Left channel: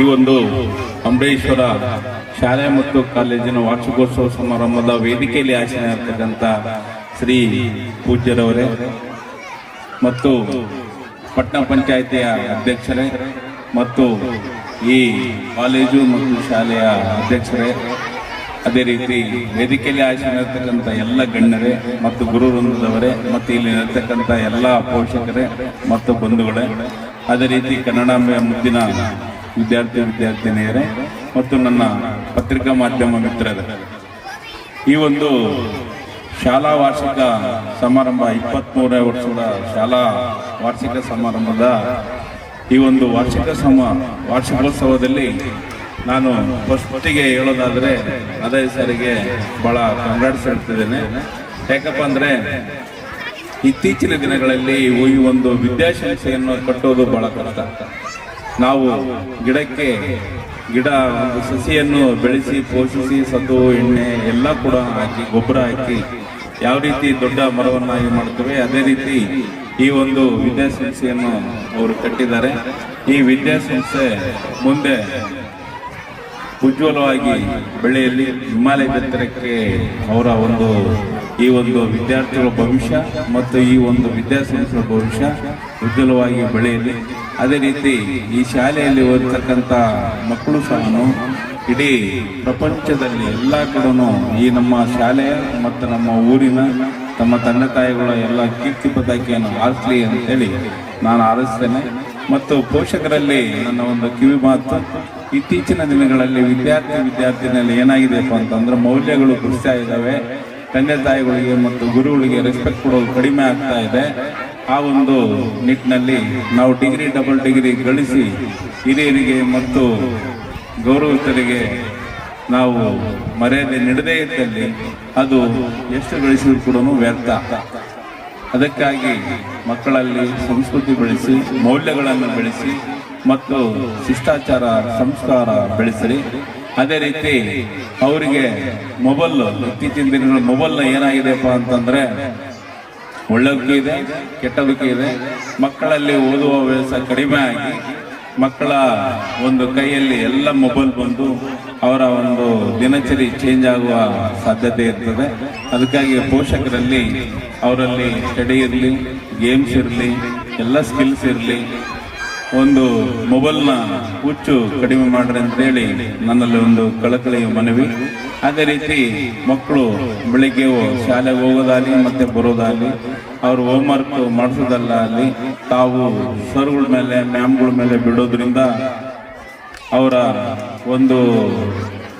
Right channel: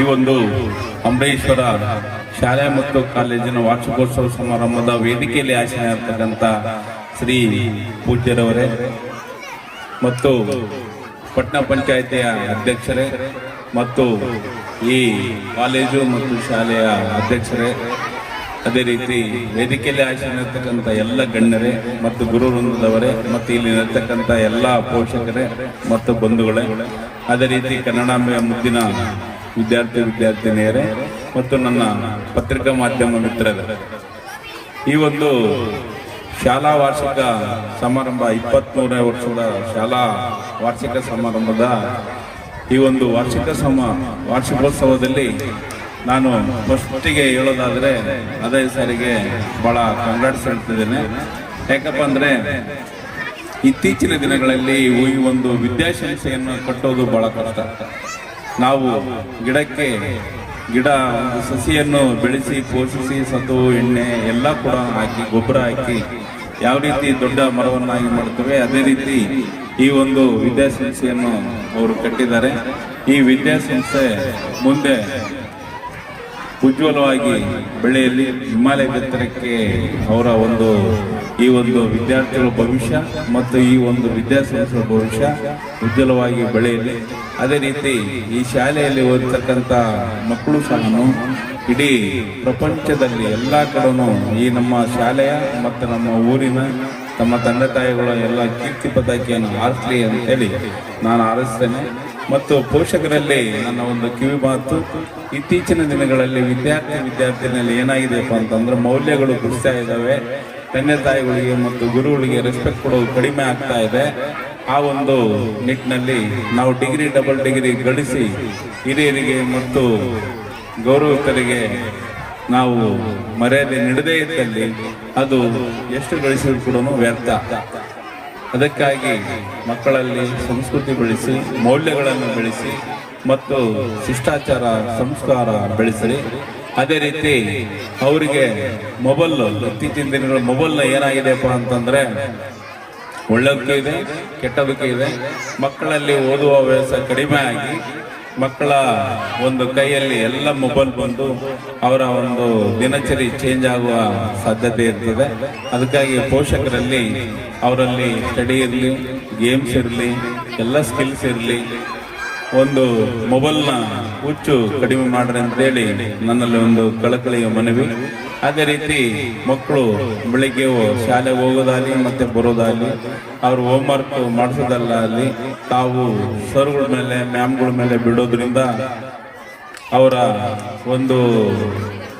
ಈ ಒಂದು ಅಂಬರೀಶ್ವರ ಶಾಲೆ ಮತ್ತು ಕಾಲೇಜಿನ ವಾರ್ಷಿಕೋತ್ಸವ ಸಮಾರಂಭದ ವೇದಿಕೆಯಲ್ಲಿ ಆಸನ ಇರ್ತಕ್ಕಂಥ ಶ್ರೀ ಪೂಜ್ಯರವರೇ ಮತ್ತು ಪಟ್ಟಣ ಪಂಚಾಯಿತಿಯ ಅಧ್ಯಕ್ಷರೇ ಮತ್ತು ಈ ಕಾಲೇಜು ಮತ್ತು ಶಾಲೆಯ ಅಧ್ಯಕ್ಷರೇ, ಅದೇ ರೀತಿ ವೇದಿಕೆಯಲ್ಲಿ ಆಸನ ಇರ್ತಕ್ಕಂಥ ಎಲ್ಲ ಗಣ್ಯರೇ ಮತ್ತು ಗುರು ವೃಂದದವರೇ ಮತ್ತು ಇಲ್ಲಿ ಇರತಕ್ಕಂಥ ಎಲ್ಲ ಪೋಷಕರೇ ಮತ್ತು ಬಂಧುಗಳೇ, ಅದೇ ರೀತಿ ಕನ್ನಡಾಂಬೆಯ ಮುದ್ದಿನ ವಿದ್ಯಾರ್ಥಿನಿಯರೇ ಮತ್ತು ನನ್ನ ಪತ್ರಿಕಾ ಮಾಧ್ಯಮ ಮಿತ್ರರೇ, ಈ ಒಂದು ಶಾಲಾ ವಾರ್ಷಿಕ ಸಮಾರಂಭ 23ನೇ ವರ್ಷದ ಶಾಲಾ ವಾರ್ಷಿಕ ಸಮಾರಂಭದ ಈ ಒಂದು ವಾರ್ಷಿಕೋತ್ಸವದಲ್ಲಿ ನಾನು ಫಸ್ಟಿಗೆ ಹೇಳೋದಾದರೆ ಅದೇ ಸಾರಿಗೆ ಭಾಳ ಕಂಗ್ರಾಟ್ಸ್ ಹೇಳ್ತಿದ್ದೇನೆ. ಯಾಕಪ್ಪ ಅಂದರೆ ಇತ್ತೀಚಿನ ದಿನಗಳಲ್ಲಿ ಈ ಒಂದು ವಿದ್ಯಾಸಂಸ್ಥೆಯನ್ನು ಕಟ್ಟೋದು ಬಹಳ ಕಷ್ಟ. ನಾವು ಗಿಡ ಒಂದು ಸಸಿಯನ್ನು ಬೆಳೆಸಿ ಪೋಷಿಸಿ ಸತು ಎಣ್ಣೆ ಎಲ್ಲ ಕೂಡ ಹಾಕಿ ಗೊಬ್ಬರ ಹಾಕಿ ಯಾವ ರೀತಿ ದೊಡ್ಡ ಮರವನ್ನಾಗಿ ಮಾಡ್ತೀವಿ, ಅದೇ ರೀತಿ ಈ ಒಂದು ವಿದ್ಯಾಸಂಸ್ಥೆಯನ್ನು ಅವರು ಕಟ್ಟಿದ್ದಾರೆ. ಈ ವಿದ್ಯಾಸಂಸ್ಥೆ ಮುಂದೆ ಉಜ್ವಲವಾಗಿ ಬೆಳೆಯಲಿ, ಹಿಮಾಲಯ ಎತ್ತರಕ್ಕೆ ಅವರ ಈ ಒಂದು ವಿದ್ಯಾರ್ಥಿಗಳ ಭವಿಷ್ಯ ಮತ್ತು ಈ ಒಂದು ವಿದ್ಯಾಸಂಸ್ಥೆಯ ಭವಿಷ್ಯ ಉಜ್ವಲವಾಗಿ ಬೆಳೆಯಲಿ. ಅದೇ ರೀತಿ ಈ ಶಾಲೆಯಲ್ಲಿ ಓದತಕ್ಕಂಥ ಮಕ್ಕಳು ಸಹ ಇಡೀ ಪ್ರಪಂಚದಲ್ಲಿ ಎಲ್ಲ ಕಡೆನೂ ಈ ನಮ್ಮ ಶಾಲೆಯ ಮತ್ತು ನಮ್ಮ ಊರಿನ ತಮ್ಮ ತಂದೆ ತಾಯಿಗಳ ಎಲ್ಲ ಕೀರ್ತಿ ಪತಾಕೆಯನ್ನು ಹಾರಿಸಲಿ ಅಂತೇಳಿ ನಾನು ಹಾರೈಸ್ತೇನೆ. ಮತ್ತು ಪೋಷಕರಲ್ಲಿ ನನ್ನ ಒಂದು ಕಿವಿ ಮಾತು, ಇತ್ತೀಚಿನ ದಿನಗಳಲ್ಲಿ ವಿದ್ಯಾರ್ಥಿನಲ್ಲಿ ಏನಾಗಿದೆಯಪ್ಪ ಅಂತಂದ್ರೆ ಮೌಲ್ಯಗಳು ಕುಸಿತಾ ಇದ್ದಾವೆ. ತಂದೆ ತಾಯಿಗಳಿಗೆ ಮತ್ತು ಗುರುಗಳಿಗೆ ರೆಸ್ಪೆಕ್ಟ್ ಕೊಡೋದು ಕಡಿಮೆ ಆಗ್ತಾ ಇದೆ. ಆ ಒಂದು ನಿಟ್ಟಿನಲ್ಲಿ ನಾವು ಡಿಗ್ರಿ ಡಬಲ್ ಡಿಗ್ರಿ ಗಳಿಸಿ ಹಿರಿಯರಿಗೆ ಮತ್ತು ಗೌರವಿತರಿಗೆ ನಾವು ಮರ್ಯಾದೆ ನೀಡದೇ ಇದ್ದಲ್ಲಿ ಅದು ಎಷ್ಟು ಗಳಿಸಿದ್ರು ಕೂಡ ವ್ಯರ್ಥ. ಅದಕ್ಕಾಗಿ ಮಕ್ಕಳಲ್ಲಿ ಸಂಸ್ಕೃತಿ ಬೆಳೆಸಿ, ಮೌಲ್ಯಗಳನ್ನು ಬೆಳೆಸಿ ಮತ್ತು ಶಿಷ್ಟಾಚಾರ ಸಂಸ್ಕಾರ ಬೆಳೆಸಿ. ಅದೇ ರೀತಿ ಅವರಿಗೆ ಇತ್ತೀಚಿನ ದಿನಗಳ ಮೊಬೈಲ್ನ ಏನಾಗಿದೆಯಪ್ಪ ಅಂತಂದ್ರೆ ಒಳ್ಳೆದಕ್ಕೂ ಇದೆ ಕೆಟ್ಟದಕ್ಕೂ ಇದೆ. ಮಕ್ಕಳಲ್ಲಿ ಓದುವ ವ್ಯವಸ್ಥೆ ಕಡಿಮೆ ಆಗಿ ಮಕ್ಕಳ ಒಂದು ಕೈಯಲ್ಲಿ ಎಲ್ಲ ಮೊಬೈಲ್ ಬಂದು ಅವರ ಒಂದು ದಿನಚರಿ ಚೇಂಜ್ ಆಗುವ ಸಾಧ್ಯತೆ ಇರ್ತದೆ. ಅದಕ್ಕಾಗಿ ಪೋಷಕರಲ್ಲಿ ಅವರಲ್ಲಿ ಸ್ಟಡಿ ಇರಲಿ, ಗೇಮ್ಸ್ ಇರಲಿ, ಎಲ್ಲ ಸ್ಕಿಲ್ಸ್ ಇರಲಿ, ಒಂದು ಮೊಬೈಲ್ನ ಹುಚ್ಚು ಕಡಿಮೆ ಮಾಡ್ರಿ ಅಂತೇಳಿ ನನ್ನಲ್ಲಿ ಒಂದು ಕಳಕಳಿಯ ಮನವಿ. ಅದೇ ರೀತಿ ಮಕ್ಕಳು ಬೆಳಿಗ್ಗೆ ಶಾಲೆಗೆ ಹೋಗೋದಾಗಲಿ ಮತ್ತೆ ಬರೋದಾಗಲಿ, ಅವರು ಹೋಮ್ವರ್ಕ್ ಮಾಡಿಸೋದಲ್ಲ ಅಲ್ಲಿ ತಾವು ಸರ್ಗಳ ಮೇಲೆ ಮ್ಯಾಮ್ಗಳ ಮೇಲೆ ಬಿಡೋದ್ರಿಂದ ಅವರ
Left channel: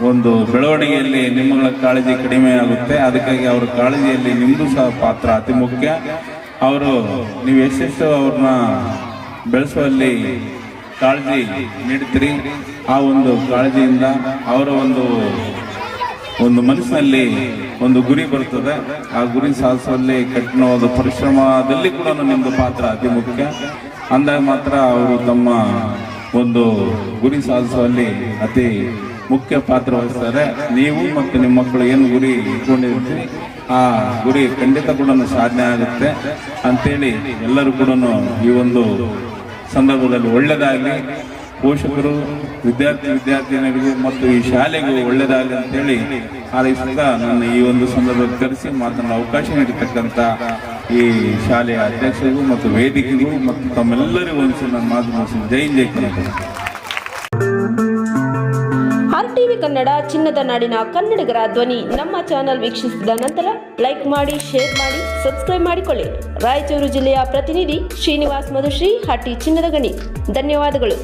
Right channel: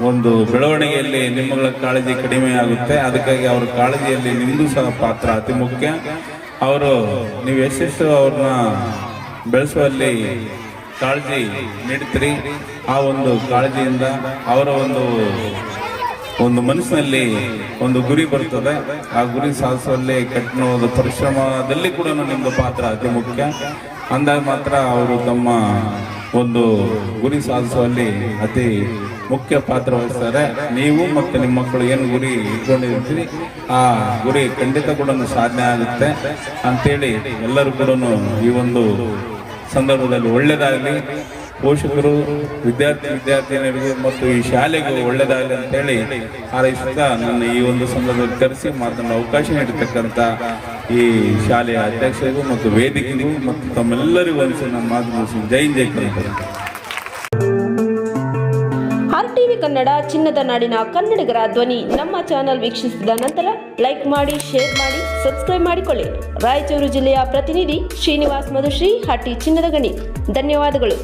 ಒಂದು ಬೆಳವಣಿಗೆಯಲ್ಲಿ ನಿಮ್ಮಗಳ ಕಾಳಜಿ ಕಡಿಮೆ ಆಗುತ್ತೆ. ಅದಕ್ಕಾಗಿ ಅವ್ರ ಕಾಳಜಿಯಲ್ಲಿ ನಿಮ್ಮದು ಸಹ ಪಾತ್ರ ಅತಿ ಮುಖ್ಯ. ನೀವು ಎಷ್ಟೆಷ್ಟು ಅವ್ರನ್ನ ಬೆಳೆಸುವಲ್ಲಿ ಕಾಳಜಿ ನೀಡ್ತೀರಿ, ಆ ಒಂದು ಕಾಳಜಿಯಿಂದ ಅವರ ಒಂದು ಮನಸ್ಸಿನಲ್ಲಿ ಒಂದು ಗುರಿ ಬರ್ತದೆ. ಆ ಗುರಿ ಸಾಧಿಸುವಲ್ಲಿ ಕಠಿಣ ಒಂದು ಪರಿಶ್ರಮದಲ್ಲಿ ಕೂಡ ನಿಮ್ಮದು ಪಾತ್ರ ಅತಿ ಮುಖ್ಯ. ಅಂದಾಗ ಮಾತ್ರ ಅವರು ತಮ್ಮ ಒಂದು ಗುರಿ ಸಾಧಿಸುವಲ್ಲಿ ಅತಿ ಮುಖ್ಯ ಪಾತ್ರ ವಹಿಸ್ತಾರೆ. ನೀವು ಮತ್ತು ನಿಮ್ಮ ಮಕ್ಕಳು ಏನು ಗುರಿ ಇಟ್ಕೊಂಡಿರ್ತೀರಿ ಆ ಗುರಿ ಖಂಡಿತ ಕೂಡ ಸಾಧನೆ ಆಗುತ್ತೆ ಅಂತೇಳಿ ಎಲ್ಲರೂ ಕೂಡ ಈ ಒಂದು ಸಂದರ್ಭದಲ್ಲಿ ಒಳ್ಳೆಯದಾಗಲಿ, ಪೋಷಕರು ವಿದ್ಯಾರ್ಥಿನಿಯರಿಗೆ ಮತ್ತು ಈ ಶಾಲೆಗೂ ಒಳ್ಳೆಯದಾಗಲಿ ಅಂತೇಳಿ ಹಾರೈಸುತ್ತಾ ನನ್ನ ಈ ಒಂದು ಸಂದರ್ಭದಲ್ಲಿ ಕರೆಸಿ ಮಾತನಾಡಲು ಅವಕಾಶ ನೀಡಿರ್ತಕ್ಕಂಥ ಈ ಶಾಲೆಯ ಅಧ್ಯಕ್ಷರಿಗೂ ಮತ್ತು ವೇದಿಕೆಗೂ ಮತ್ತು ತಮ್ಮೆಲ್ಲರಿಗೂ ಒಂದು ನನ್ನ ಮಾತು ಮುಗಿಸಿ ಜೈ ಕನ್ನಡ. RTV ಕನ್ನಡ ಚಿನ್ನದ ನಾಡಿನ ಕನ್ನಡಿಗರ ಧ್ವನಿ. ನಮ್ಮ ಚಾನೆಲ್ ವೀಕ್ಷಿಸಿದ ನಂತರ ಲೈಕ್ ಮಾಡಿ, ಶೇರ್ ಮಾಡಿ, ಸಬ್ಸ್ಕ್ರೈಬ್ ಮಾಡಿಕೊಳ್ಳಿ. ರಾಯಚೂರು ಜಿಲ್ಲೆಯ ಪ್ರತಿನಿಧಿ ಶ್ರೀನಿವಾಸ್ ಮಧುಶ್ರೀ, ಹಟ್ಟಿ ಚಿನ್ನದ ಗಣಿ. ಧನ್ಯವಾದಗಳು.